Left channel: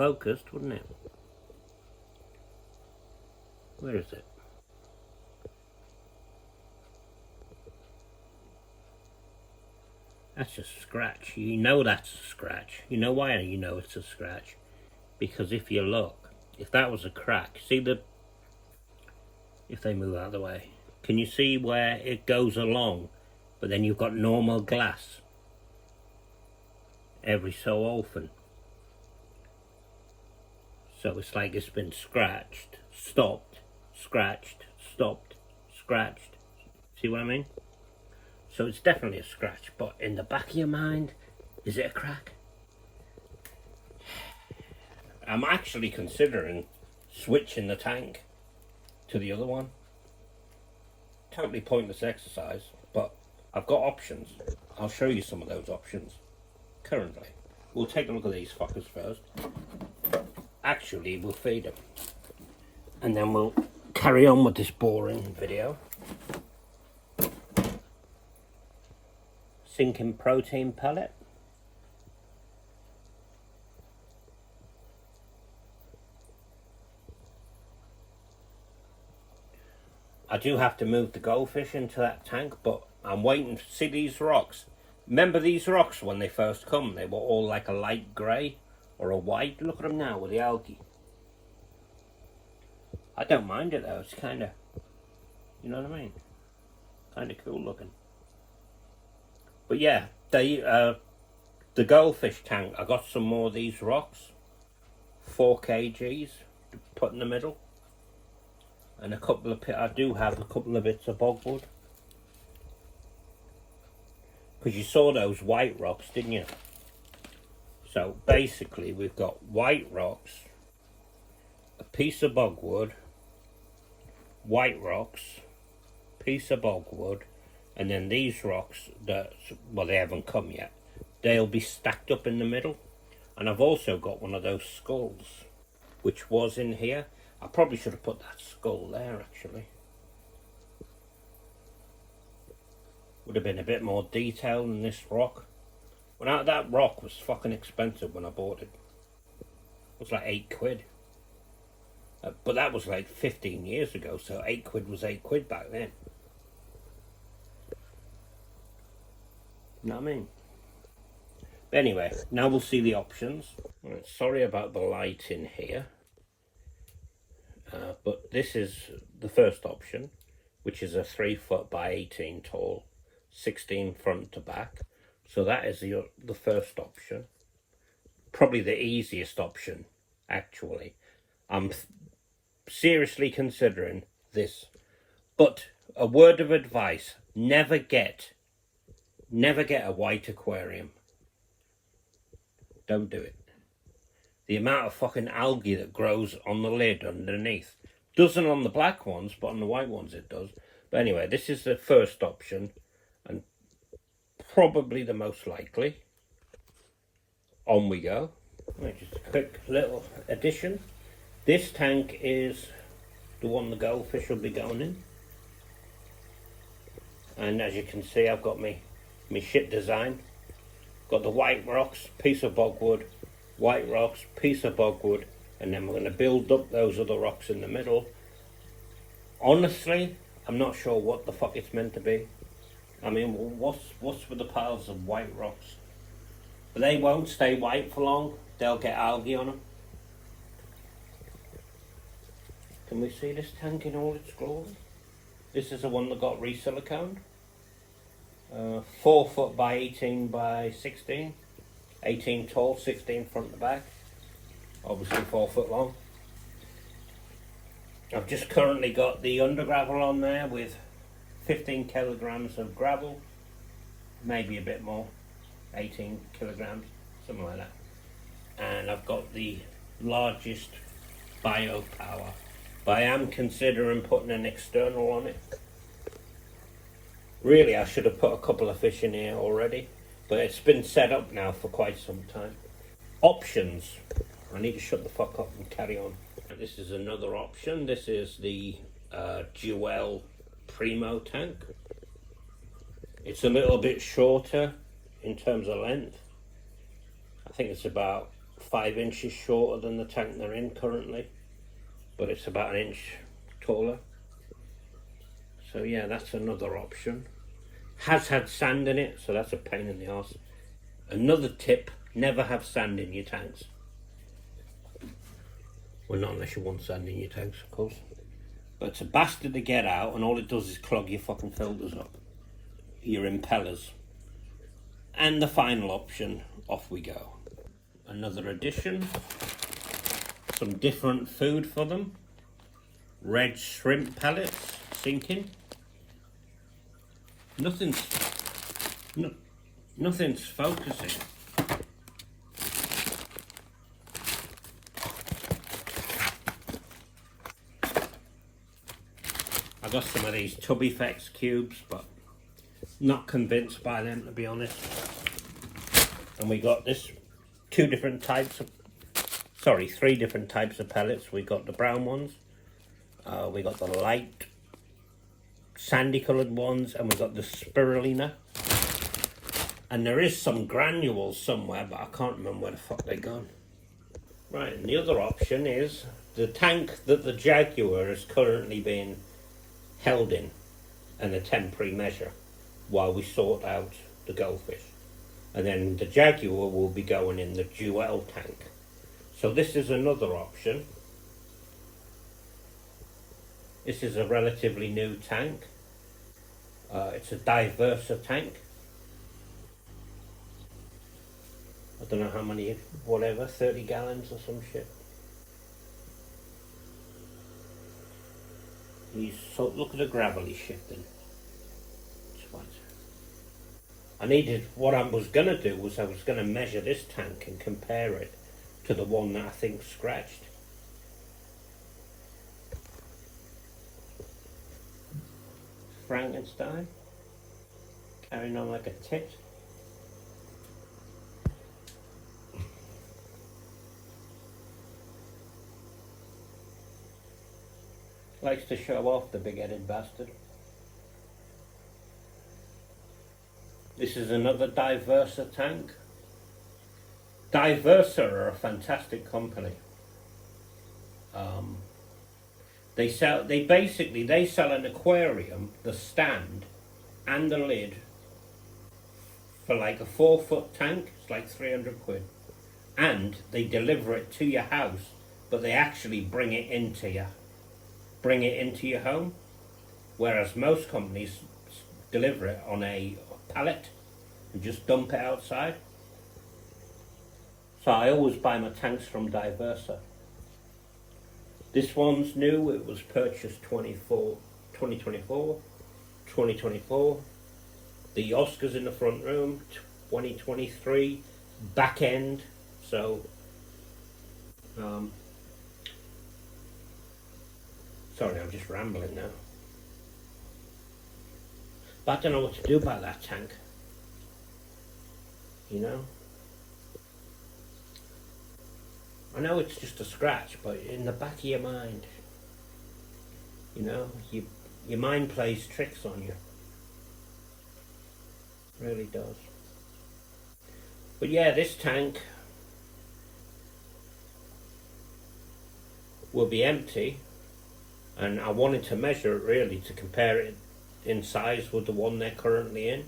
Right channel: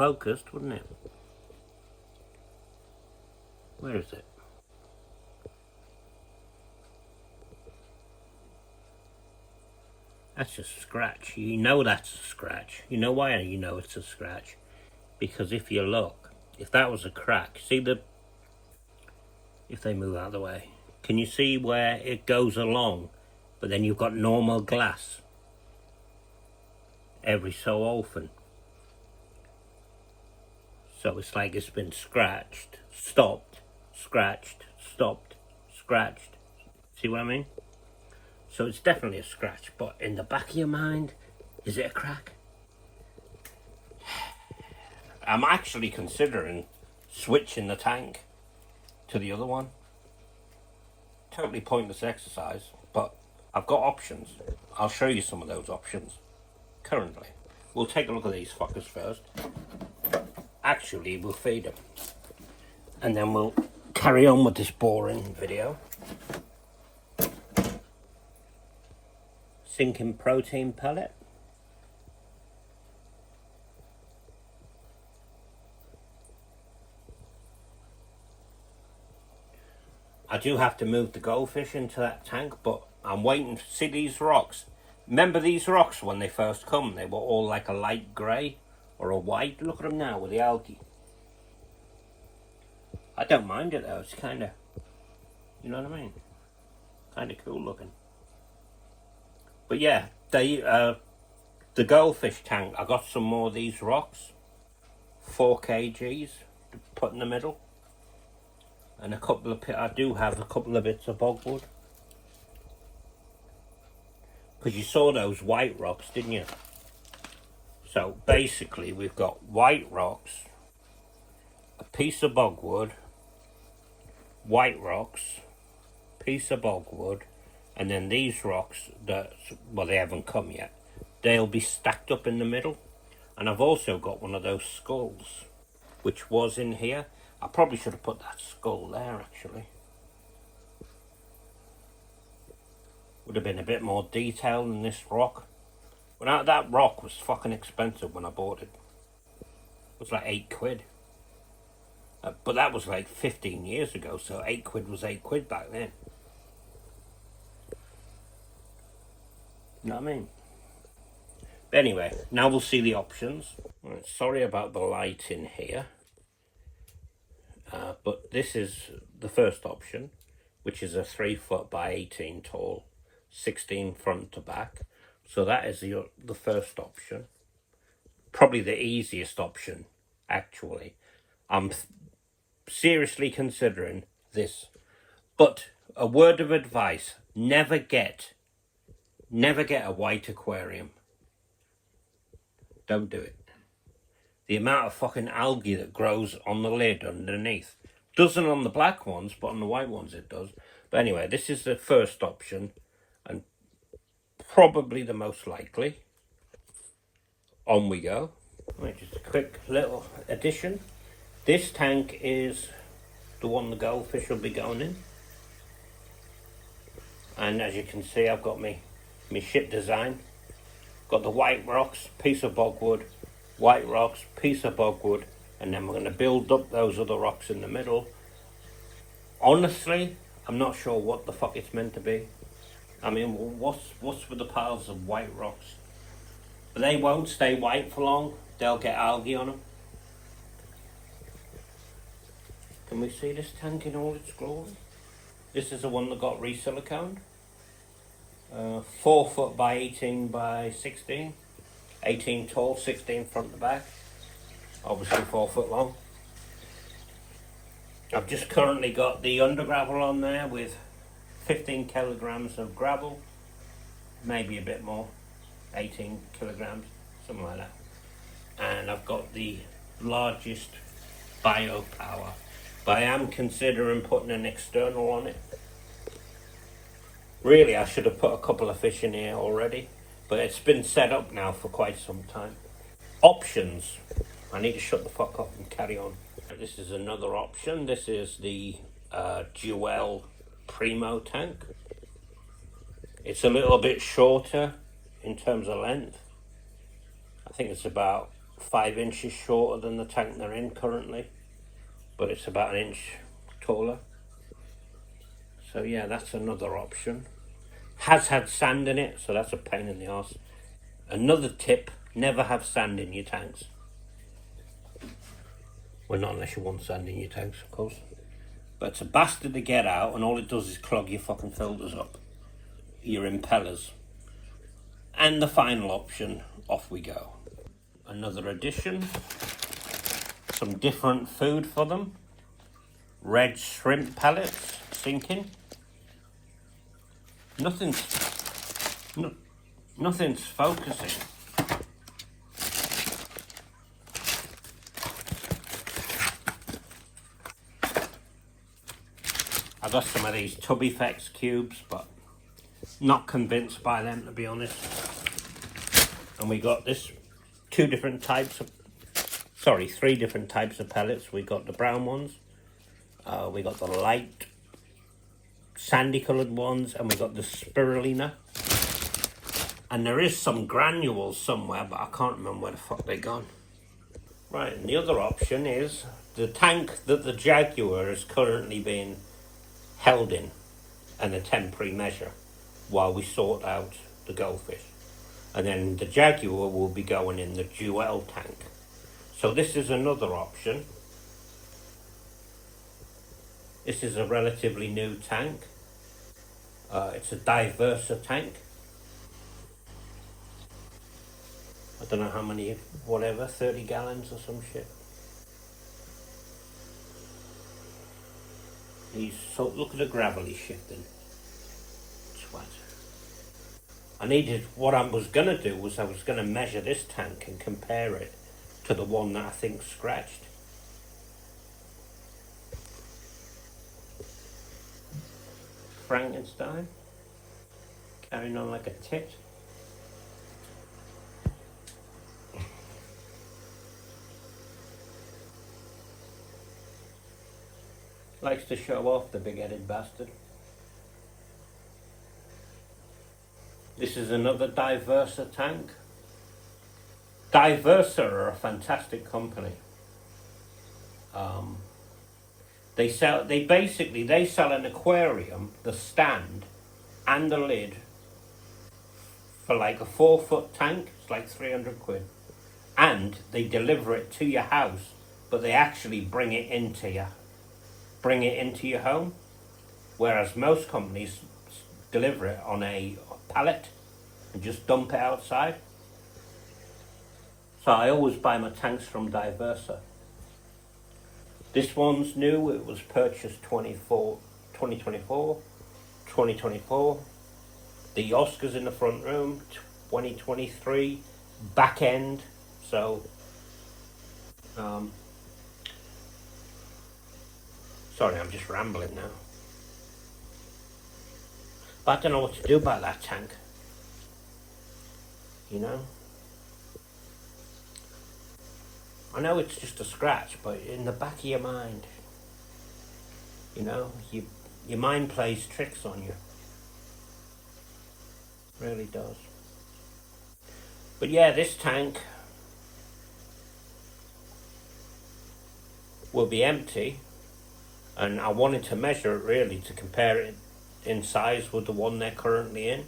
focused, wouldn't it? Where is it? That's a scratch. You know that's a scratch. You know why you know it's a scratch? Because if you look, if that was a crack, see the... If they move out of the way, can you see where it goes along? But then you've got normal glass every so often. So it's like it's been scratched, stopped, scratched, stopped, scratched. See what I mean? So it's definitely a scratch, but in the back of your mind, is it a crack? I'm actually considering switching the tank to the other one. Totally pointless exercise, but I've got options. I'll show you some of those options currently. We'll take a look at these fuckers first. Actually, we'll feed them, and then we'll carry on with this boring video. Sinking protein pellet. I do have to move the goldfish into that tank, but I'm waiting to see these rocks. Remember these rocks when they first come? They were all like a light grey or a white. Look at them now with the algae. I don't mind it though. It's kind of, you know what I mean? Kind of cool looking. But yeah, the goldfish tank, I got some more of these rocks. 4 kgs to put in the middle. And a couple of, I do have a couple of bits of bogwood. Because you saw those white rocks, didn't you? So basically we've got white rocks, a piece of bogwood, white rocks, piece of bogwood, and then these rocks that, well, they haven't come yet. They'll be stacked up in the middle. And I've also got one of those skulls, which was in here. I probably should have put that skull there, actually. Would have been a bit more detail than this rock. But that rock was fucking expensive when I bought it. It was like 8 quid. But that was like 15 years ago, so 8 quid was 8 quid back then. You know what I mean? But anyway, now we'll see the options. Right, sorry about the light in here. But this is the first option, which is a 3 foot by 18 tall, 16 front to back. So that is the first option. Probably the easiest option, actually. I'm seriously considering this. But a word of advice, never get a white aquarium. Don't do it. The amount of fucking algae that grows on the lid underneath. Doesn't on the black ones, but on the white ones it does. But anyway, this is the first option, and probably the most likely. On we go. Right, just a quick little addition. This tank is the one the goldfish will be going in. And as you can see, I've got my shit design. Got the white rocks, piece of bogwood, white rocks, piece of bogwood, and then we're going to build up those other rocks in the middle. Honestly, I'm not sure what the fuck it's meant to be. I mean, what's with the piles of white rocks? But they won't stay white for long. They'll get algae on them. Can we see this tank in all its glory? This is the one that got re-siliconed. 4 foot by 18 by 16. 18 tall, 16 front to back. Obviously 4 foot long. I've just currently got the under gravel on there with 15 kilograms of gravel. Maybe a bit more. 18 kilograms, something like that. And I've got the largest biopower. But I am considering putting an external on it. Really, I should have put a couple of fish in here already, but it's been set up now for quite some time. Options. I need to shut the fuck up and carry on. This is another option. This is the Jewel Primo tank. It's a little bit shorter in terms of length. I think it's about 5 inches shorter than the tank they're in currently, but it's about an inch taller. So yeah, that's another option. Has had sand in it, so that's a pain in the arse. Another tip, never have sand in your tanks. Well, not unless you want sand in your tanks, of course. But it's a bastard to get out, and all it does is clog your fucking filters up, your impellers. And the final option, off we go. Another addition, some different food for them. Red shrimp pellets, sinking. Nothing's focusing. I got some of these Tub Effects cubes, but not convinced by them, to be honest. And we got this three different types of pellets. We got the brown ones, we got the light sandy coloured ones, and we got the spirulina. And there is some granules somewhere, but I can't remember where the fuck they're gone. Right, and the other option is the tank that the Jaguar is currently being held in a temporary measure while we sort out the goldfish. And then the Jaguar will be going in the Jewel tank. So this is another option. This is a relatively new tank. It's a Diversa tank. I don't know how many, whatever, 30 gallons or some shit. Look at the gravel he's shifting. Swat. What I was going to do was I was going to measure this tank and compare it to the one that I think scratched. Frankenstein, carrying on like a tit. Likes to show off, the big-headed bastard. This is another Diversa tank. Diversa are a fantastic company. They sell an aquarium, the stand and the lid, for like a 4-foot tank. It's like 300 quid, and they deliver it to your house, but they actually bring it into your home, whereas most companies deliver it on a pallet and just dump it outside. So I always buy my tanks from Diversa. This one's new. It was purchased 2024. The Oscars in the front room, 2023 back end. So sorry, I'm just rambling now. But I don't know what to do about that tank. You know? I know it's just a scratch, but in the back of your mind, you know, your mind plays tricks on you. It really does. But yeah, this tank will be empty, and I wanted to measure it really to compare it in size with the one they're currently in.